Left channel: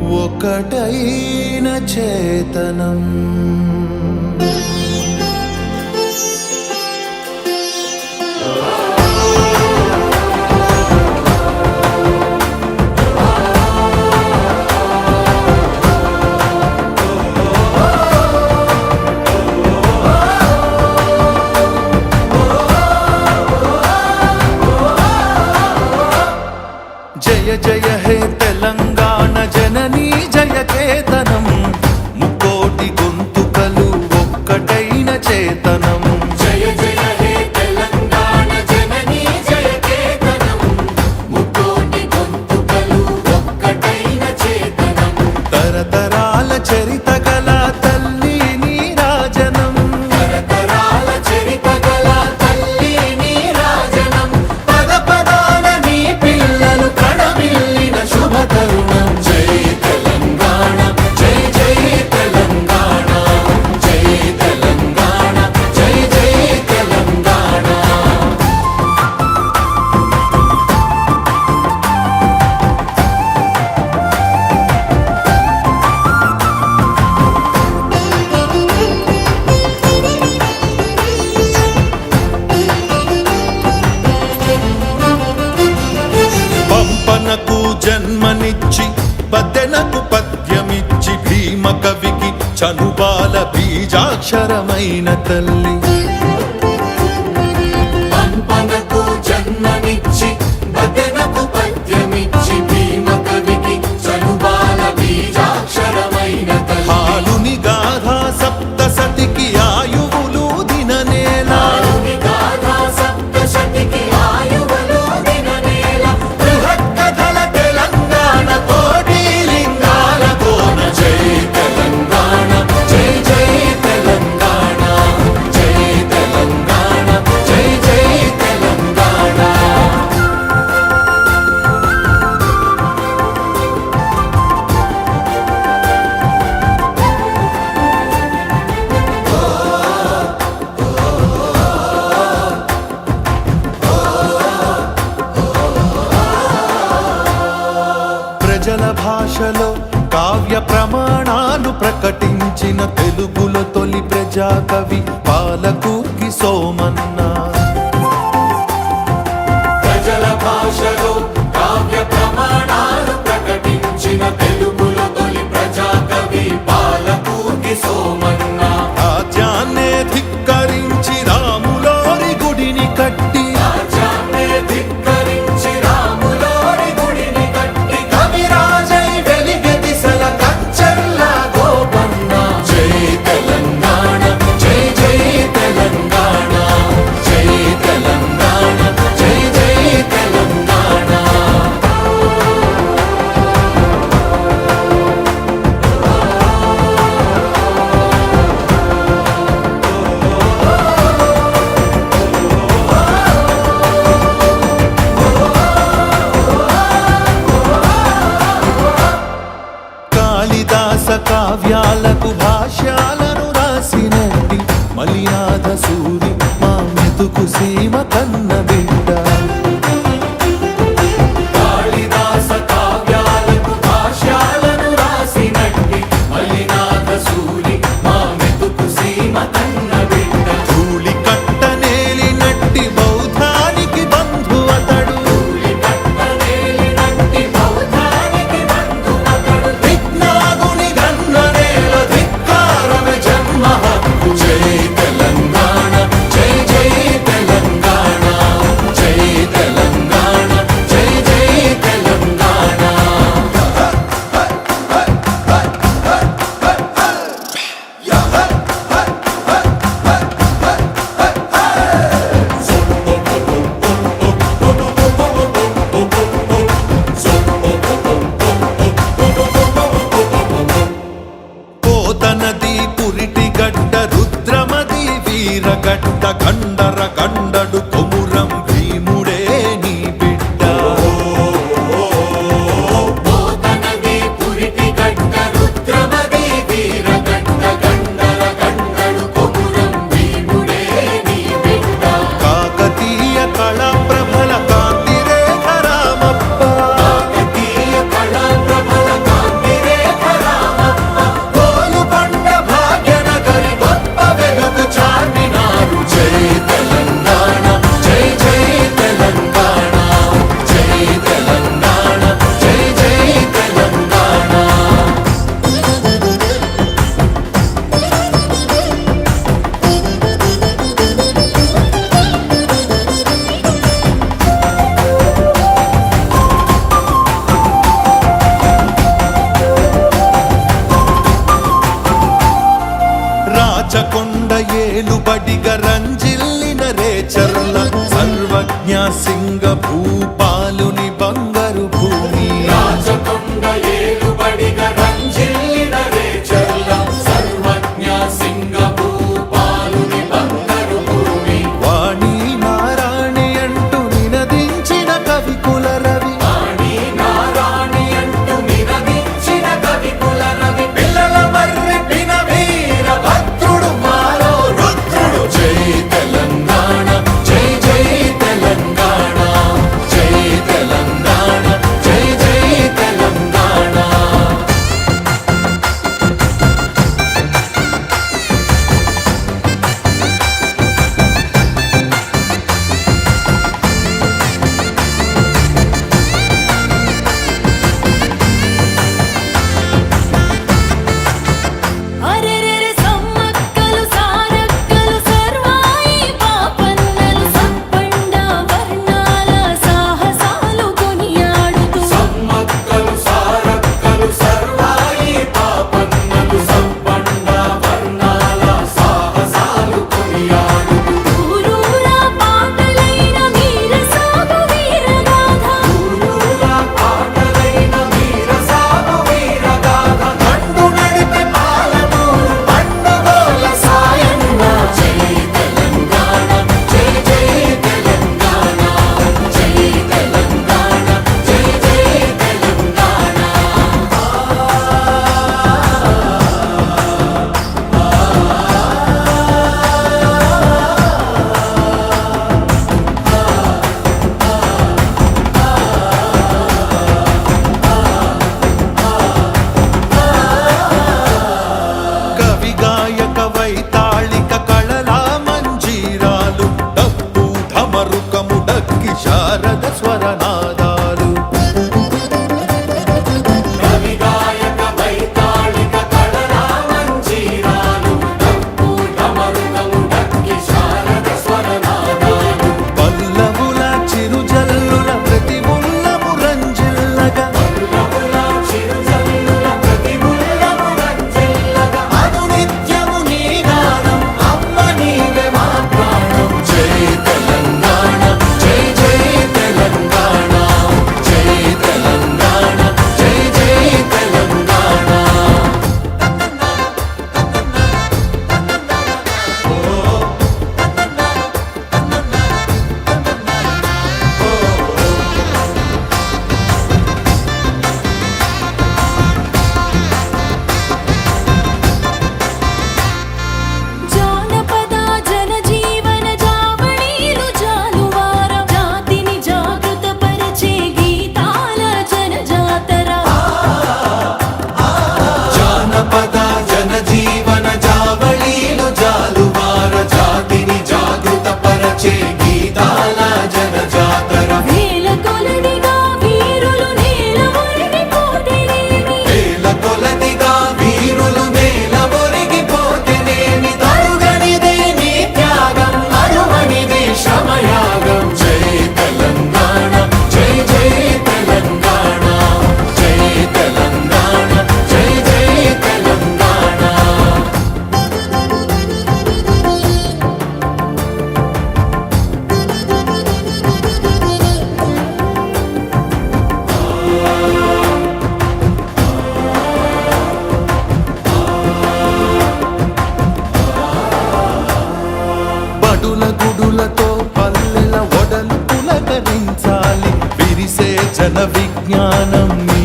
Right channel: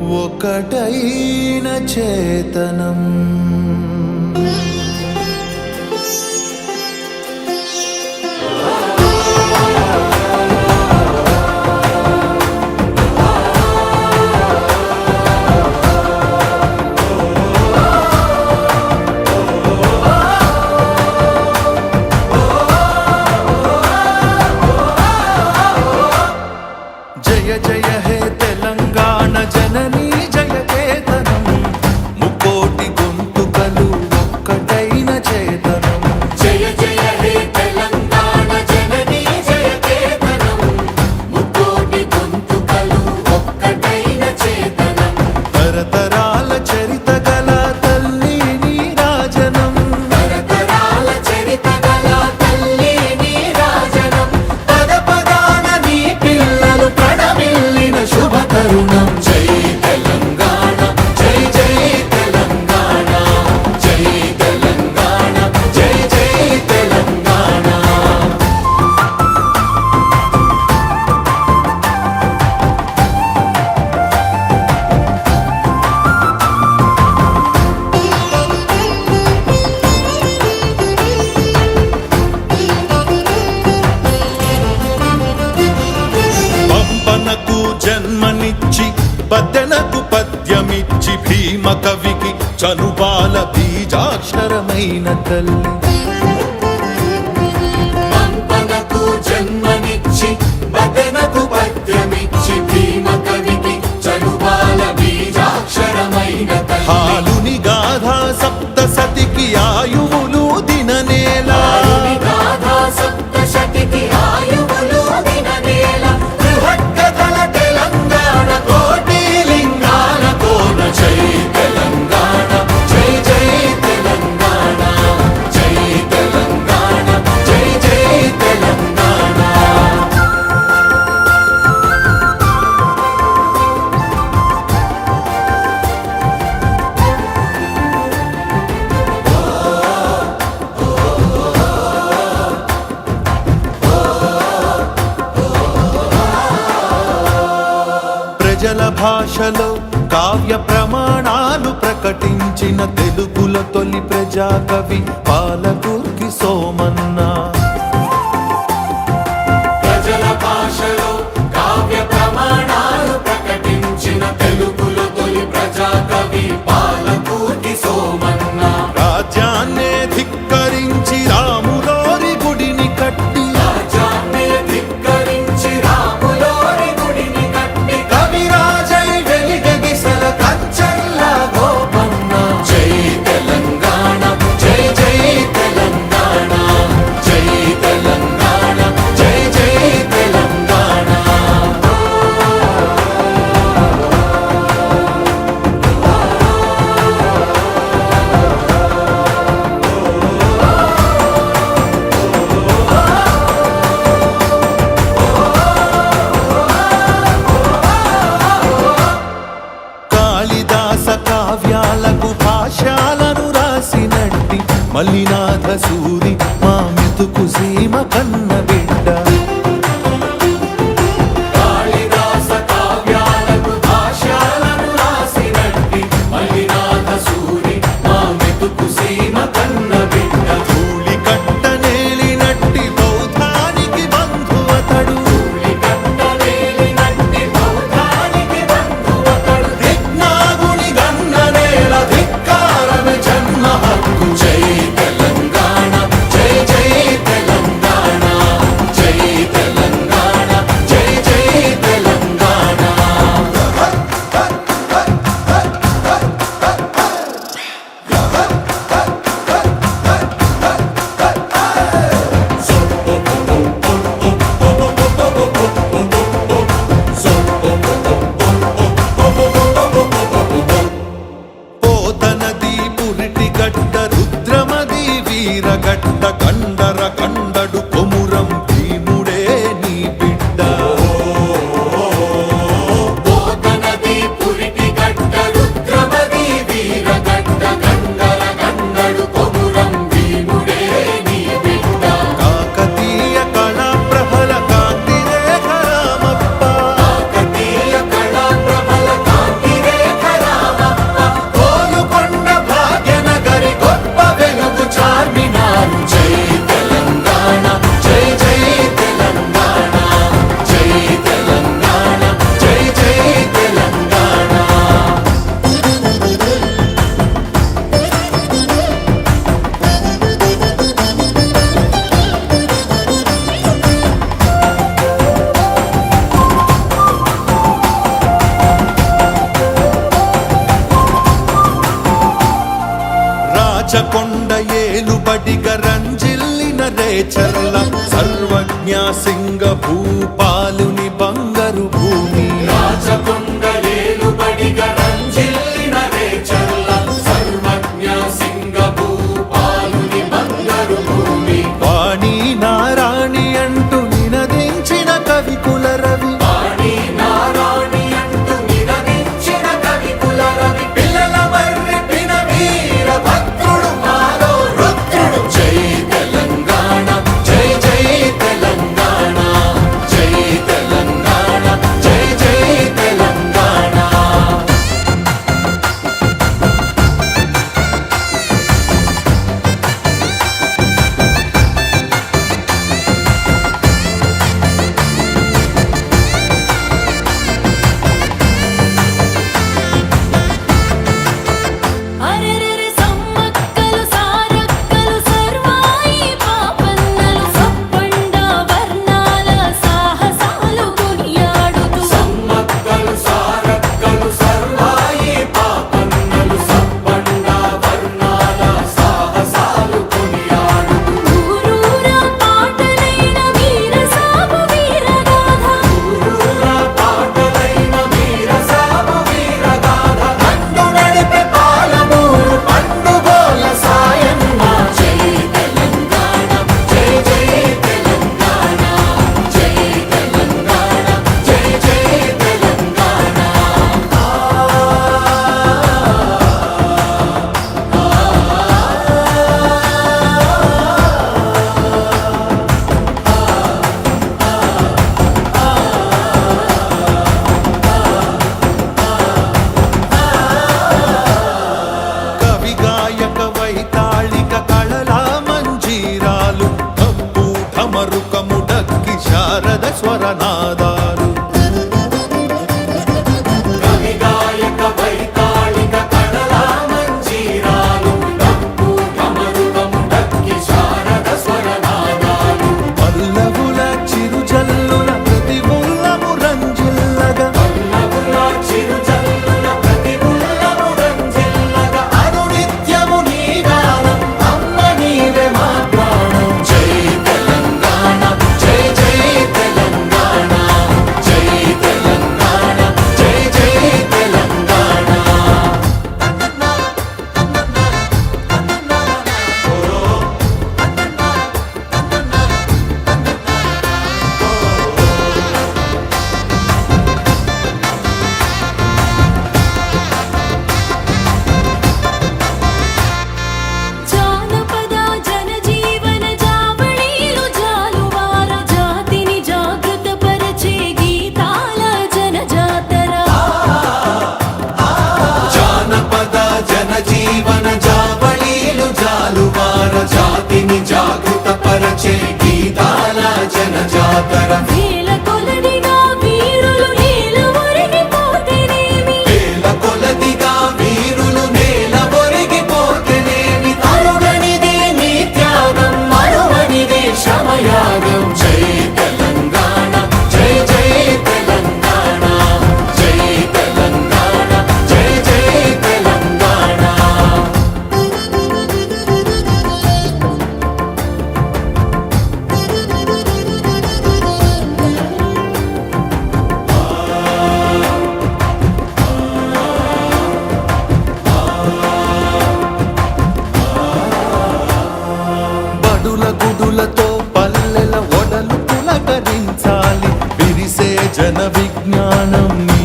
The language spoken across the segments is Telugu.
ఒకటైన చేతనం. காதல் భాషలో కావ్య ప్రమాణాలు ప్రకటించిన తెలుగుల తొలి ప్రజాకవి కండర కండ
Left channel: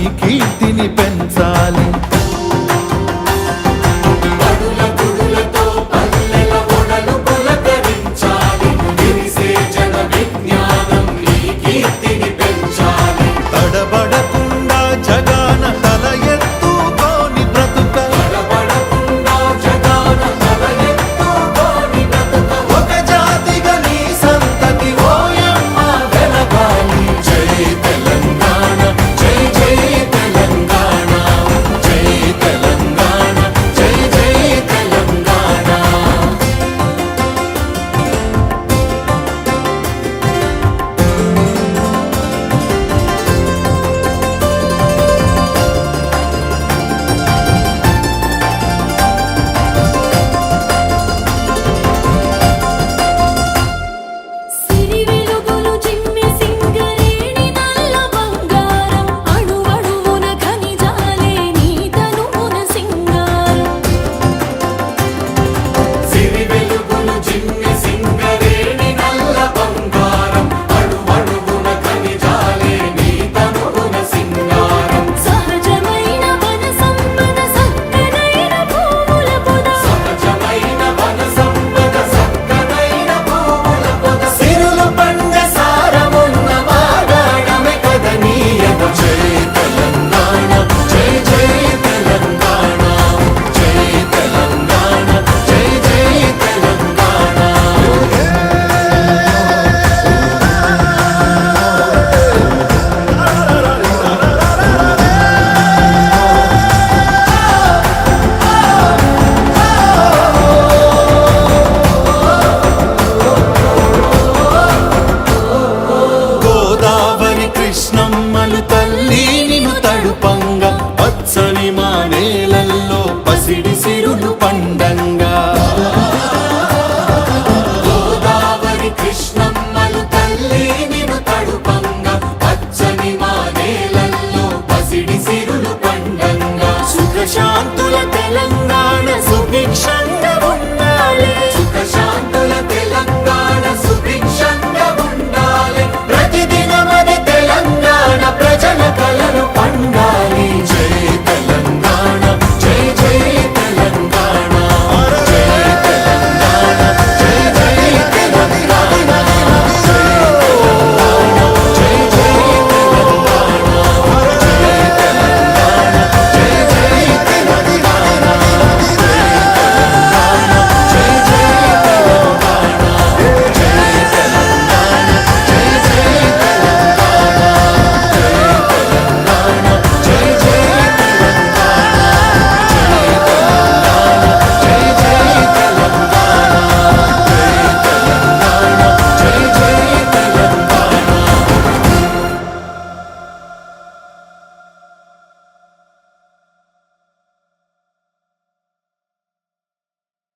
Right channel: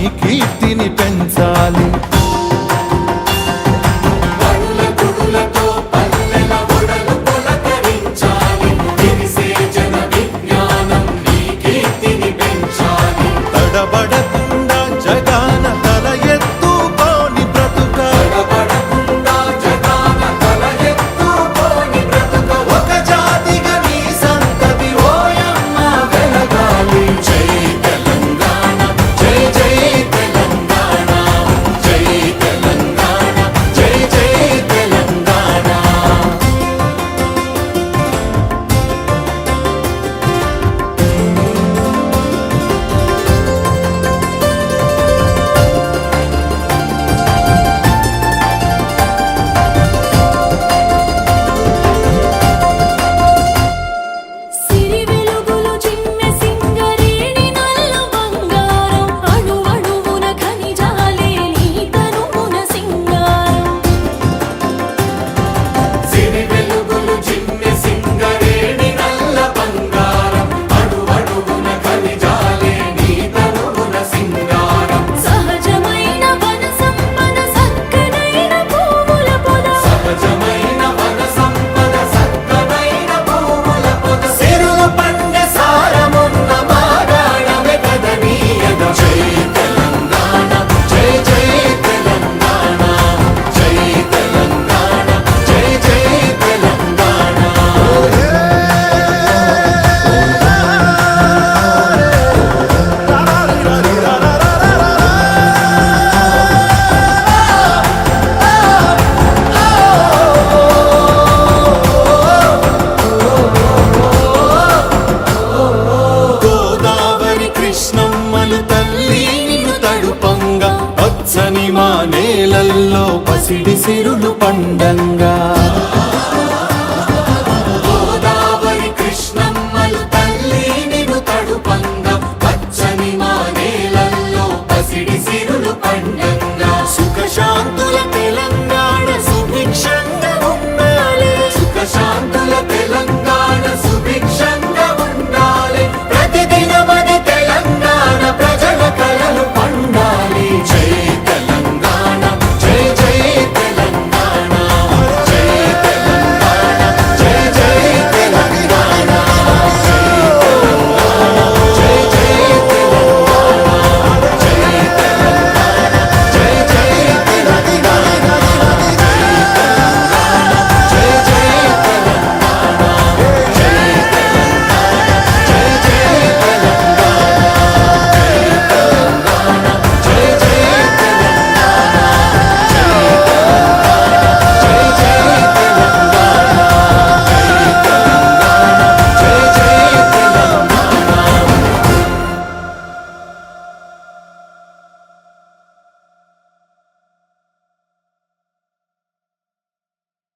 keep